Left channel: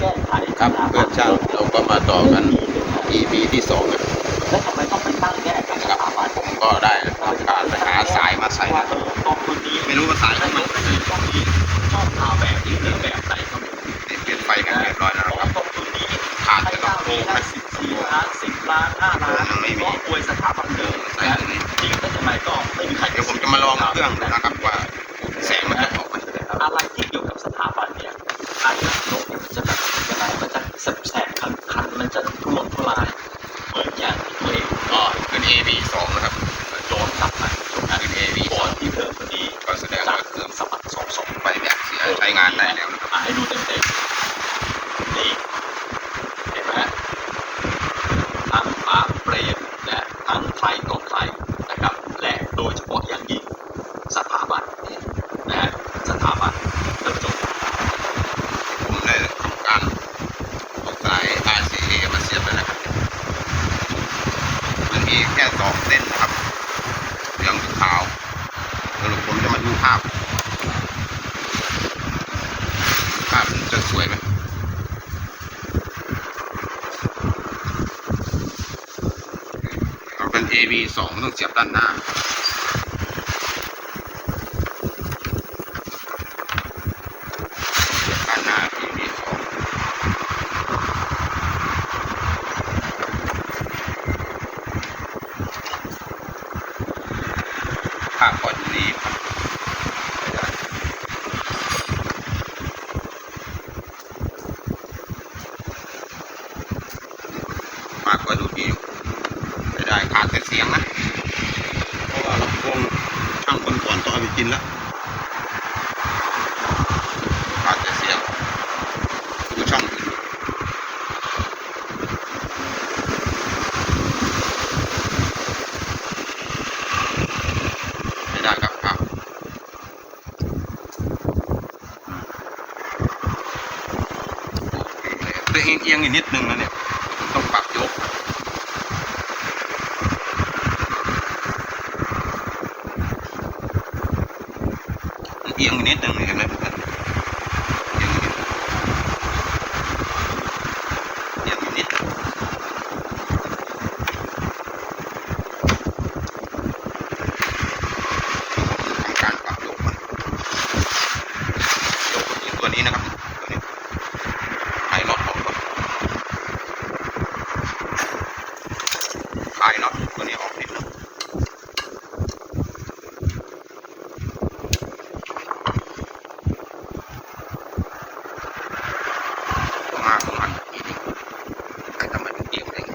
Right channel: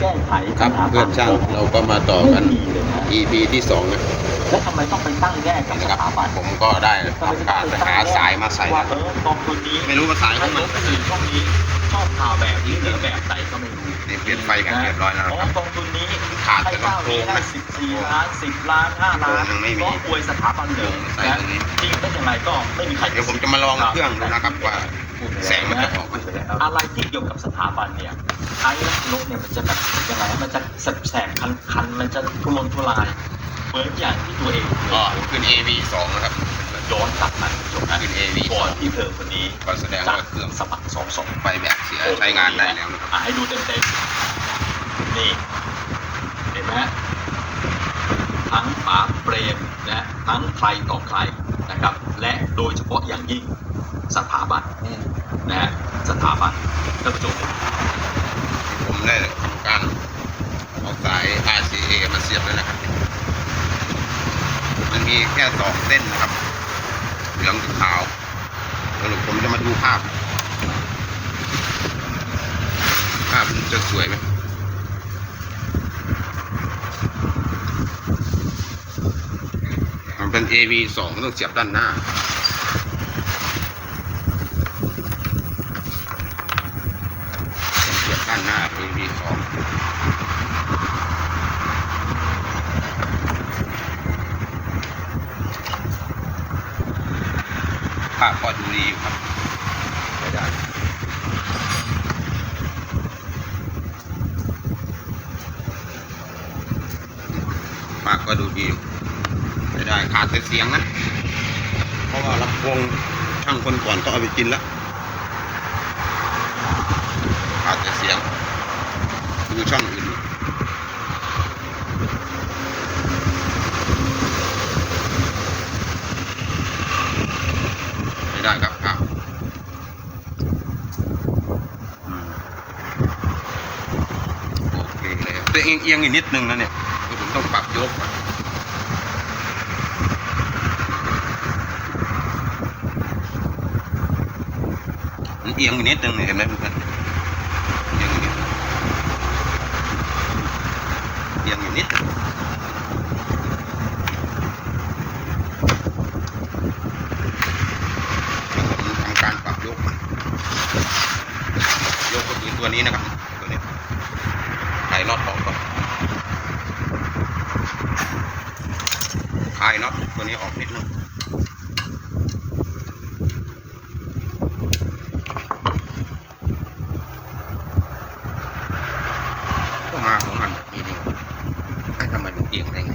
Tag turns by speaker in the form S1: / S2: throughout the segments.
S1: แก้ไข
S2: ครับเพื่อนช่างเราก็มาต่อกัน EP ที่สองนะ
S1: แล้วทำไมต้องไปตั้งแยกกับ
S2: นะ
S1: ส
S2: ครับ
S1: ถาบัน
S2: ผมก็ได้ทำการไปหาสายมาใส่
S1: ว่า
S2: นะ
S1: เออกองทุนนี้
S2: ไม่รู้ว่าสายข
S1: ไม่
S2: องมัน
S1: รู้ก็คือต้องมีชอบข่าวแบบนี้หรือแบบไหนก็ไม่รู้
S2: เปลี่ยนไฟกันเรียบร้อยแล้ว
S1: เพ
S2: นะ
S1: ราะ
S2: ครั
S1: ว่า
S2: บ
S1: กองทุนนี้
S2: ขาด
S1: ให้
S2: แต่
S1: เจ้า
S2: ลำโพ
S1: นี้
S2: ง
S1: ได้
S2: นะ
S1: สิบสี่ล้านสิบล้านห้าล้าน
S2: ยังไม่มี
S1: เพราะอวยสถาบันเดิม
S2: ใส่
S1: นะ
S2: ตรงนี้
S1: จริงเป็นยังไงก็ไม่มีใคร
S2: เดี๋ยวผมจะมาลองเครื่องดูนะครับว่าแสงมันจะ ออกมาจะได้ครับ
S1: อะไรที่เกี่ยวกับสถาบันเนี่ยไอ้นกเนี่ยมันจะแบบยังไงมันจะแสบแสบคันคันๆมันจะทุรนทุรายเหมือนอย่างที่ตัวเอง
S2: ก็ขึ้น AV สองนะครับ
S1: ย้อนกลับมาจบนะ
S2: ขึ้น AV
S1: ก่อนที่เธอคนนี้
S2: ก็แสดง
S1: จะ
S2: ว่าเครื่อง
S1: สะบัดสองสอง
S2: ไฟแบบเสียใช้งานได้แล้ว
S1: อะให้ดูเต็มเต็มๆนี่เห็นไหมฮะทั้งฝาเบรนและทั้งใครต่อใครนะครับ และโดยเฉพาะอย่างยิ่งสถาบัน นะฮะสถาบันท่านผู้ชม
S2: ผมได้ทำการเอาสาย RCA มาเสียบแล้วนะครับมันมีแค่สองเส้นนะครับเหลืองขาวสรุปผมจะมาดูภาพ ภาพจะสวยไหมมันเป็น AV สองต้องเสียบด้านหน้า เสียบด้านหน้า AV สอง ภาพก็ดูดีครับไม่าพก็ดูดีไม่ได้ขาดแต่เสียงนะ เพราะว่าลำโพงช่างคนก่อนต้องเอาไปกินแล้วขาดแต่เสียงดูช่องอื่นไม่ได้ครับภาพอืมโอเค เอียงเอียงๆอีกนิดนึงนะเนี่ยผมต้องปรับยกเอียงนิดนึงเห็นไหมเพื่อนเอียงนิดเอียงนิดทำการปรับยกมันยกอีกตัวนี้นะครับตัวนี้คลายน็อตออกก่อนคลายน็อตตัวนี้ออกนิดนึง ก็มาประมาณทีนี้ให้ทำไมมันเอียงได้ไง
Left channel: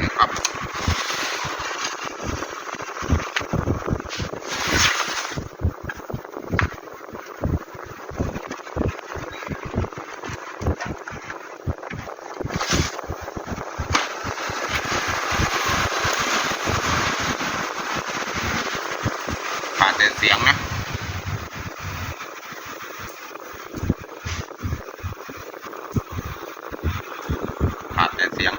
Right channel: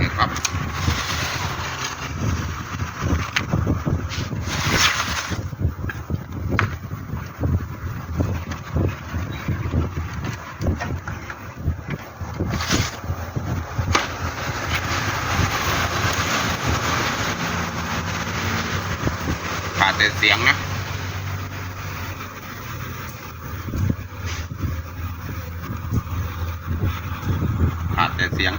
S2: นะครับ ขาดแต่เสียงนะขาดแต่เสียง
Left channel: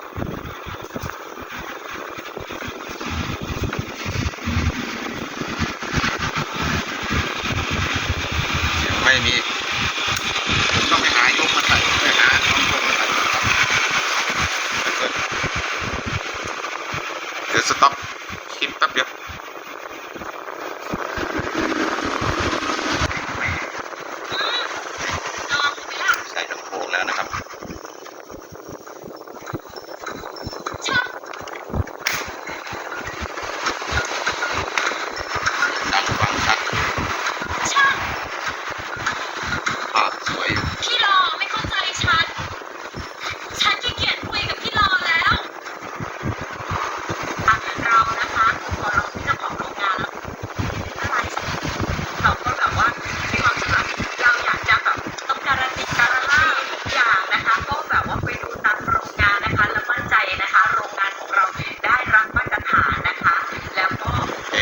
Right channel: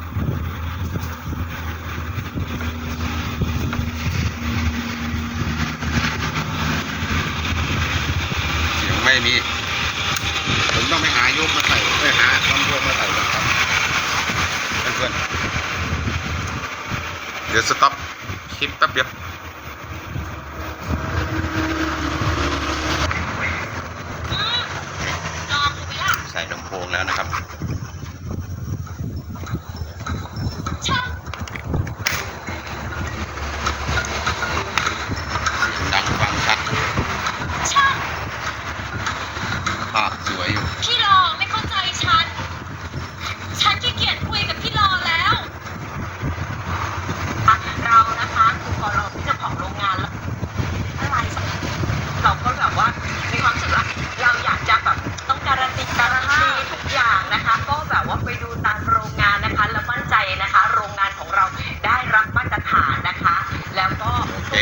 S2: เสียงไม่มีผมต้องไปหายกมาใส่ไปหาลำโพงมาใส่เพื่อนเดี๋ยวสต็อปคลิปแป๊บเดียว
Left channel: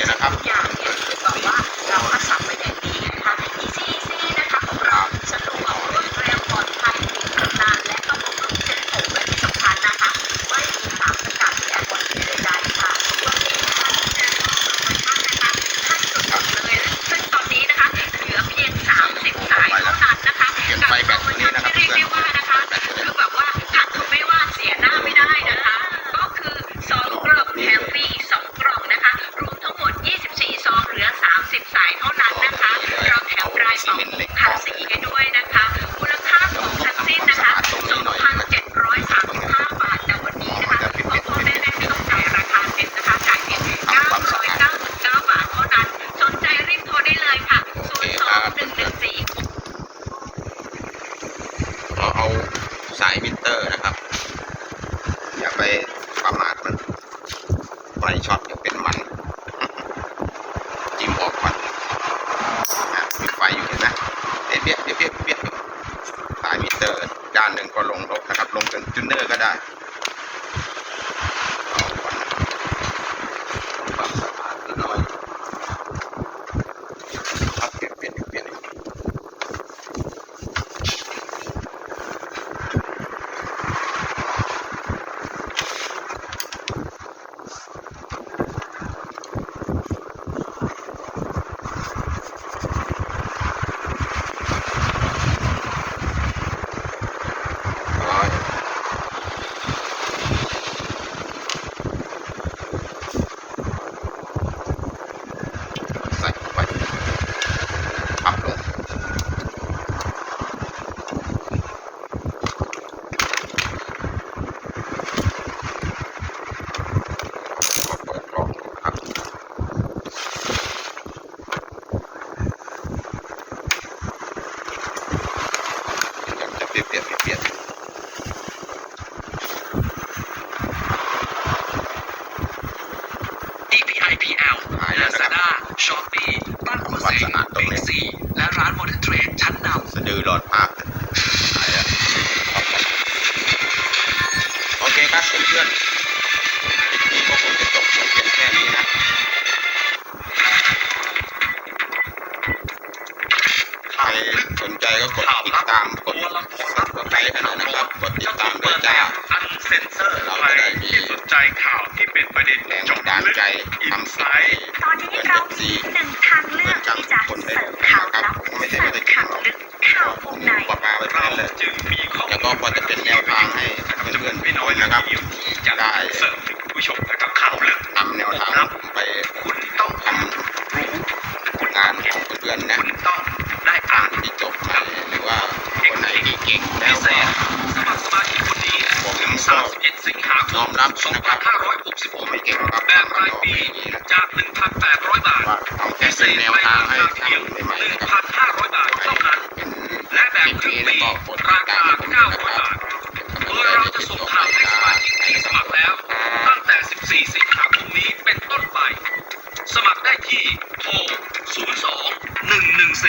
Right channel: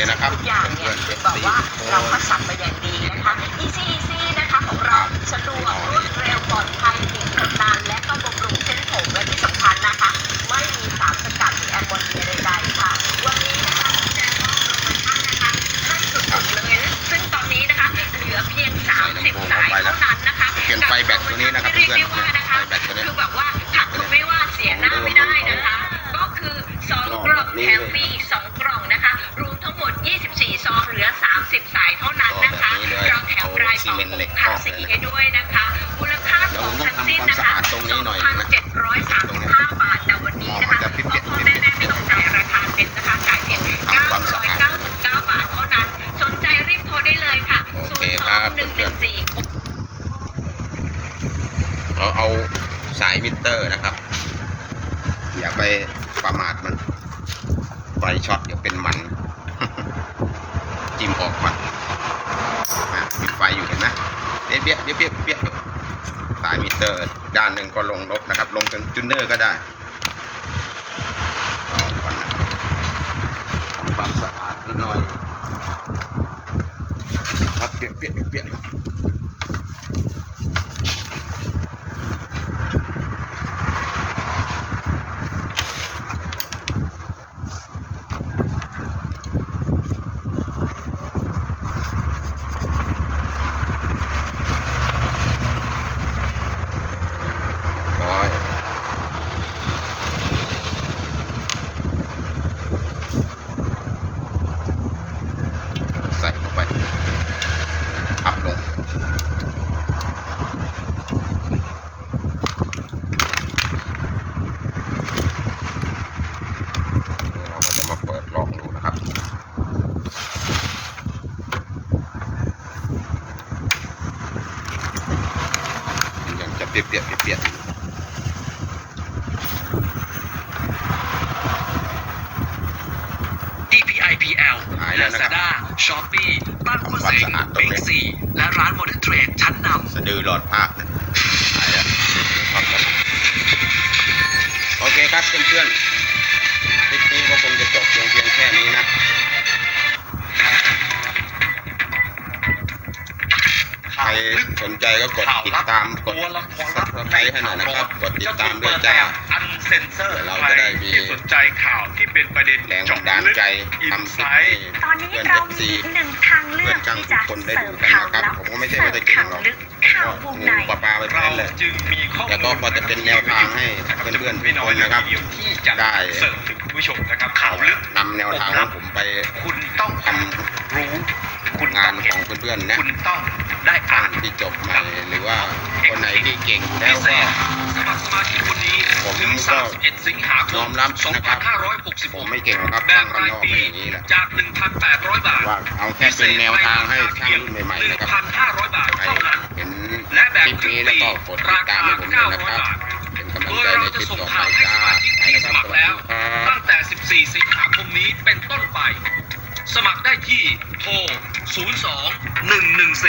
S2: นะครับทุกอย่างเนี่ยบอก
S3: ว่าเราคัดสรรไปอย่างดีนะคะ Easy Easy นะคะของเราสะดวกรวดเร็วปลอดภัยถึงทนนานและก็บำรุงเส้นผมและที่สำคัญนะคะ ไม่มีสารสกัดหรืแอลกอฮอล์ใดๆค่ะวันนี้นะคะแจ้งข้อมูลนะาะนะคะขั้นสุดเลยซึ่งตอนนี้นะคะเหลือเพียง 30 สายเท่านั้นนะคะเปลี่ยน
S2: ไฟแบตตัวนี้นะครับ
S3: เพื่อนแถมฟรีอีกสองกล่องนะคะ 30 สายเท่านั้นนะคะ เราแถมรายต่องมาสีให้ด้วยนะคะ มูลค่าของทั้งสิ้นนะคะ 2,735 บาท แต่วันนี้นะคะพ่ออแม่แม่ไม่ต้องจ่ายราคาเต็มนะคะ จ่ายเพียง999 บาทเท่านั้น สนใจ
S2: รีบ
S3: โทร
S2: ได้
S3: เล
S2: ย
S3: ค่ะ
S2: 02114เราเอาสายมิเตอร์นะครับ อย่าไปประมาทมันไฟช็อตเดี๋ยเป็นมัน จิ้มออกก่อนมีไฟอยู่เห็นไหมเบี้ยเบี้ยเบี้ยเบี้ยสายมิเตอร์ด้านหนึ่งก็ลงลบนะครับ ลงจนจุนเนอร์ก็ได้ปรับสะอาดนิดหน่อยครับเปลี่ยนเปลี่ยนเปลี่ยน ร้อยใส่ลงไปพับลงเราจะมาเปิดลองดูนะครับ มันจะเปลี่ยนเปลี่ยนเปลี่ยน
S4: DPIPL
S2: หายแล้วนะครับ
S4: Lazada Shopee บ้าน
S2: ทำ
S4: คุณ
S2: ความ
S4: เส
S2: สะอาดตรง
S4: เบ
S2: นี้
S4: งซีและร้าน Modern Trade ชั้นนำ
S2: สะดือหลอดภาพหายแล้วครับผมโอเคครับเพื่อนๆคลิปนี้ก็คงจะจบเพียงเพียงแค่นี้นะ นใจก็กดติดตามกดซับสไครต์ให้หน่อยนะครับ กดติดตามด้วยจ้า
S4: อันเซนเซอร์
S2: เรา
S4: ใคร
S2: จะได้มี
S4: ที่สนใจข่าวที่เป็นประเด็น
S2: แรง
S4: เจาะ
S2: บันดาล
S4: ลึก
S2: ใจ
S4: อิน
S2: ทำ
S4: ไซ
S2: สิ่ง
S4: ต์
S3: ตอนนี้เรามีหนึ่งทางเลื
S2: เพื่
S3: อ
S2: อกนกัน
S3: ที่จะ
S2: คนได้
S3: เสิ
S2: ดู
S3: ร์ฟ
S2: กัน
S3: ข่าว
S2: นะครับ
S3: ลับ
S2: ผมก็ไม่ใช่
S3: เสิ
S2: ว่า
S3: ร์ฟ
S2: จะเก่ง
S3: ข่าว
S2: หรอก
S3: ลึกข่าววงใน
S2: ปลาปลาไปแท
S4: เรา
S2: นเลย
S4: จึงมีข้อมูล
S2: แล้วก็พอจะเป็นแนวทางให้เพื่อนๆทุกคนนะครับ
S4: ที่จะ
S2: ได้
S4: เสิร์ฟถึงผู้ชมนะครับข่าวลึก
S2: นำแนวทางของผมไป
S4: คุณต้อง
S2: ทำ
S4: รู้คุณ
S2: งา
S4: ต้อนง
S2: ข
S4: เห็
S2: อนงเพื่อนๆนะ
S4: คุณต้อง ได้อ่าน
S2: ที่จบใหม่หรือว่าคนไหนที่เก่งแล้ว
S4: พิเศ
S2: ก็
S4: ษสมัครสมาชิกคนนี้
S2: ผม
S4: ถึง
S2: ก็
S4: 31สิงหาค
S2: ยอ
S4: ม
S2: มรับนะครับผม
S4: 2566
S2: ไม่เก่งหรอกครับ
S4: แบ
S2: ทา
S4: บ
S2: งมัน
S4: ราย
S2: นอก
S4: ปี
S2: อย่างนี้นะ
S4: จาก 1,800 บาท
S2: ว่าเอาแค่เป็นแนวทางให้ทางรุ่นใหม่ๆนะครับ
S4: 1,500 บาท
S2: ใคร
S4: เท่านั้น
S2: เห็น
S4: และแบบ
S2: คลิป
S4: ครึ่
S2: นี้
S4: ง
S2: แล้ว
S4: ปี
S2: ก็กดติด
S4: รา
S2: ตา
S4: คาม
S2: ให้ผมด้วยนะ
S4: 900
S2: ครับ
S4: บาท
S2: เป็นกำลัง
S4: โด
S2: ใจ
S4: ยเรา
S2: ในค
S4: จะ
S2: ลิป
S4: ส่ง
S2: ต่อไป
S4: ข่าวให้ส
S2: จ้า
S4: มาชิกที่สมัครแล้ว ตั้งแต่ 14 สิงหาคมนี้เป็นต้นไป สมัครได้ที่โทร 02 114